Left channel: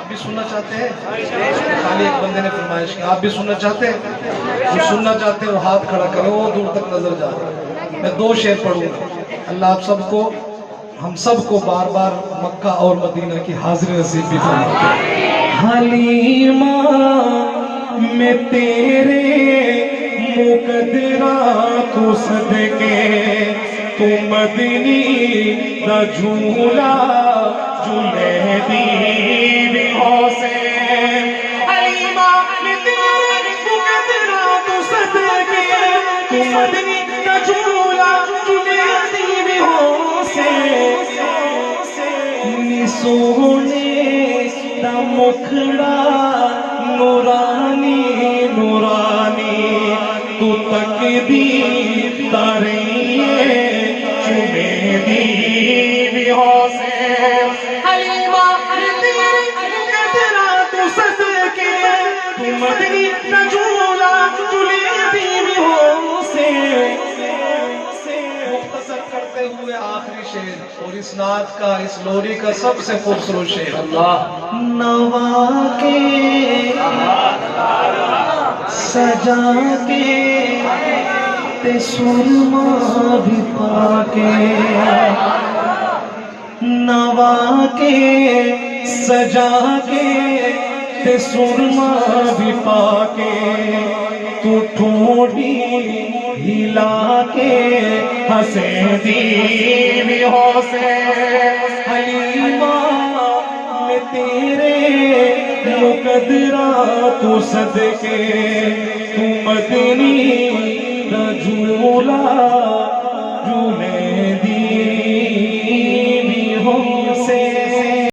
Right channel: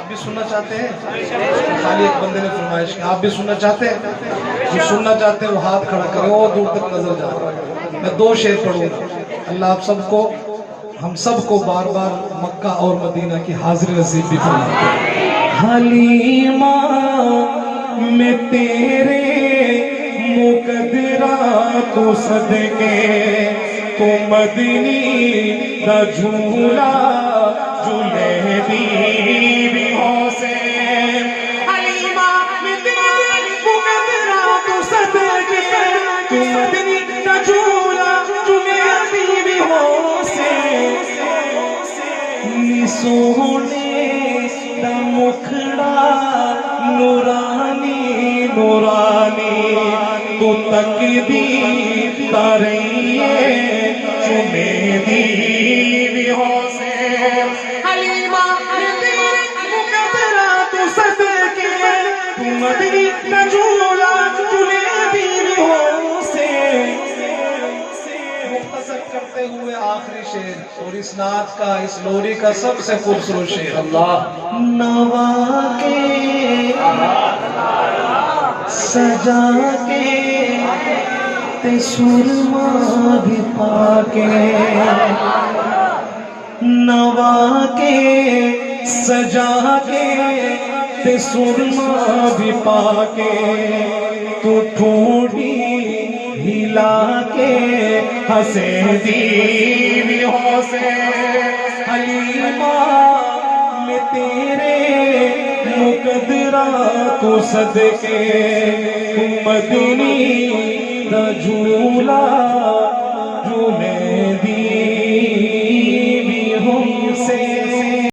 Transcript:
आप भी सुनना चाहते हैं? खाली एक बंदे ने फरमाइश की, आप भी सुनना चाहते हैं? जो सुनना चाहते हैं वो हाथ खड़ा करें, वो दूर तक नजर जा रहा है। मैं 2 शेर पढ़ूंगा। अल्लाह आप सबको, हम सबको बार बार मक्का और मदीना की हाजिरी नसीब भी फरमाए। हलीमा में तेरे मुकद्दरा को सदके, तू मदनी दा झूला झूले दी भी हो से। हलीमा में तेरे मुकद्दरा को सदके, तू मदनी दा झूला झूले दी भी हो से। नी सोने दा मुखड़ा नूरानी नूरानी, तू तकदीर तारिये चुमे दी भी हो से। हलीमा तेरे मुकद्दरा तू सदके, तू मदनी दा झूला झूले दी भी हो से। मुख्तसर करते हुए आखिरी शेर और इस नात का, इस लोरी का सबसे खूबसूरत शेर। अल्लाह नवा के सजा के ते सुरमा भी पाके, नवा के सजा के ते सुरमा भी पाके, तू ठोड़ी हिला के हंसे दी भी हो से। हलीमा में तेरे मुकद्दरा तू सदके, तू मदनी दा झूला